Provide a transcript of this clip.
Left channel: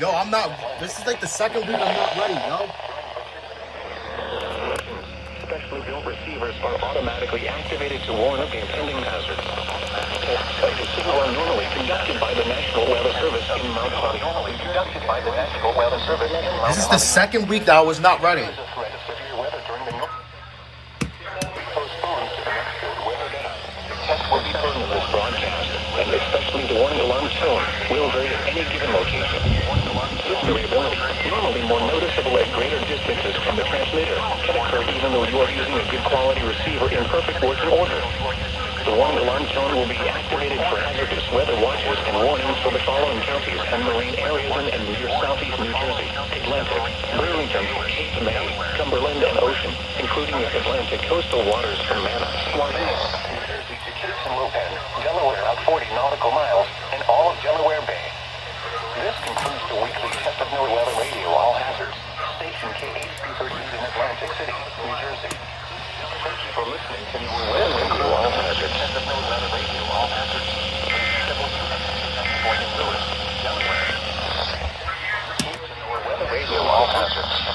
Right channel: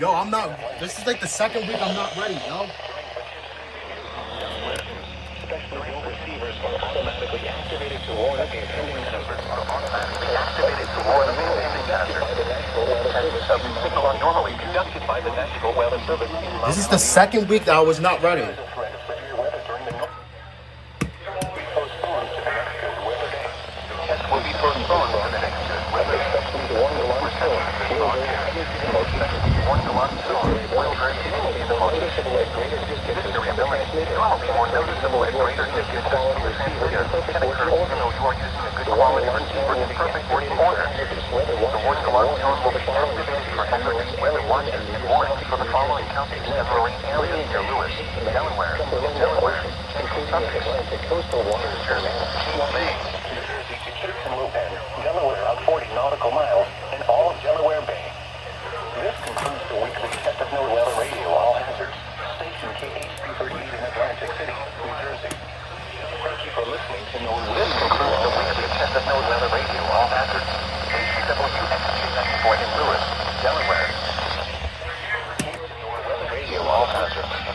Yo, I'm not. This is like the second week I'm not ready, yo. Specially built receivers are automatically activated to warn of impending hazards. Tests like the city were normally conducted by the National Weather Service in Mount Holly. Normally conducted by the National Weather Service in Mount This is the second week that I was not ready. Postponed to the next good weather day. The test will be postponed broadcast, and especially the warning alarm tone will vary at any given location. This variability, normally more noticeable at greater distances from the transmitter, can occur even though you are using a good quality receiver in perfect working order. The warning alarm tone will be activated for hazardous weather watches and warnings for the following counties and marine areas and near southeast New Jersey, Atlantic, Burlington, Cape May, Cumberland, and Ocean, including the Atlantic coastal waters from Manor, New Jersey to Cape and Lupin, Delaware out 40 nautical miles, and all of Delaware Bay. This concludes the weekly Test of Note Weather Radio All Hazards, station KHB38 in Atlantic City, New Jersey. Thank you for listening to This concludes All Hazards Test of Note Weather Radio All Hazards, WXJ94 in Lewis, Delaware. Radio All Hazards.